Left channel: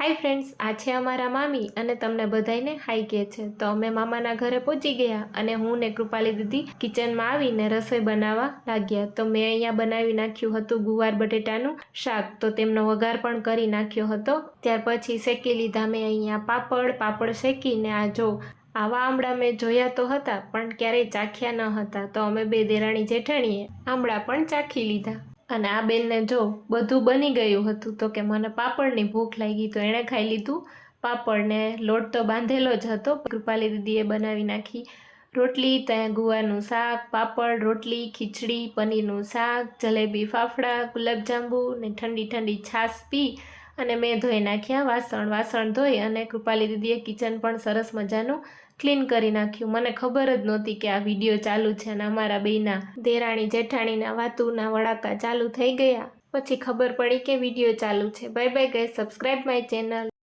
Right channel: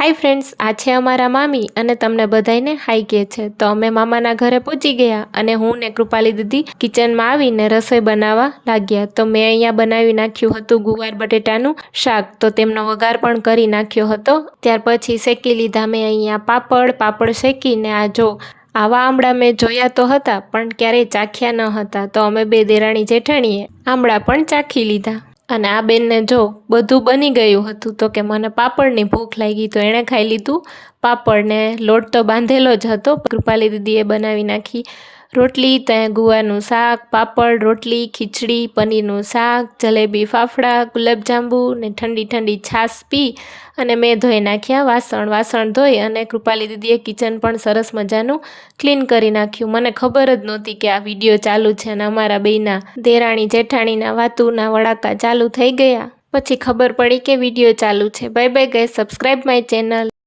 Hi friends, आज है अमारा मामी अने तमने बधाईने हाय कहे छे। तो अमे मामाना घरे पहोंची गया अने हूँ ने कृपाली दीदी किचन में आवीने रसोई बनावा लाग्या। तो मैं अहींया बनावी नाख्युं हतुं गुवार बटेटानुं शाक। तो तेमनो वघार पण करी नाख्यो हतो। त्यार पछी शेकी लीधा मैं अहींया पापड़ शेकीने आ जो आवा आमळा मैं जोया तो हता पण क्यारेय चाख्या न हता। तो अमे बे देराणी जेठाणीए आमळा पण चाखी लीधा અને આ બેનને જો બધું બની ગયું હતું તો કે મને પાપડની ભૂખ લાગી તો એણે ખાઈ લીધું પાપડ ને લોટ તો બાંધેલો જ હતો। કૃપાલી દીદીએ બનાવી નાખી રોટલી, ત્યાં ગુવારનું શાક, પાપડ, રોટલી, ખીચડી, પનીરનું શાક, જલેબી, ફાફડા, ગુલાબજાંબુ ને ઠંડી ઠંડી છાશ પી અને મેં ધોઈ નાખ્યા વાસણ ધોઈ અને કૃપાલી દીદીએ કિચન પણ સરસ મજાનું ક્લીન કરી નાખ્યું। મને ખબર જ નહોતી કે આ વિડીયો ચાલુ છે અને અમારા બેયના દેરાણી જેઠાણીના વાતુના વડાકા ચાલુ થઈ ગયા। પછી ખબર પડી કે વિડીયો ચાલુ છે। Bye bye guys, subscribe my channel.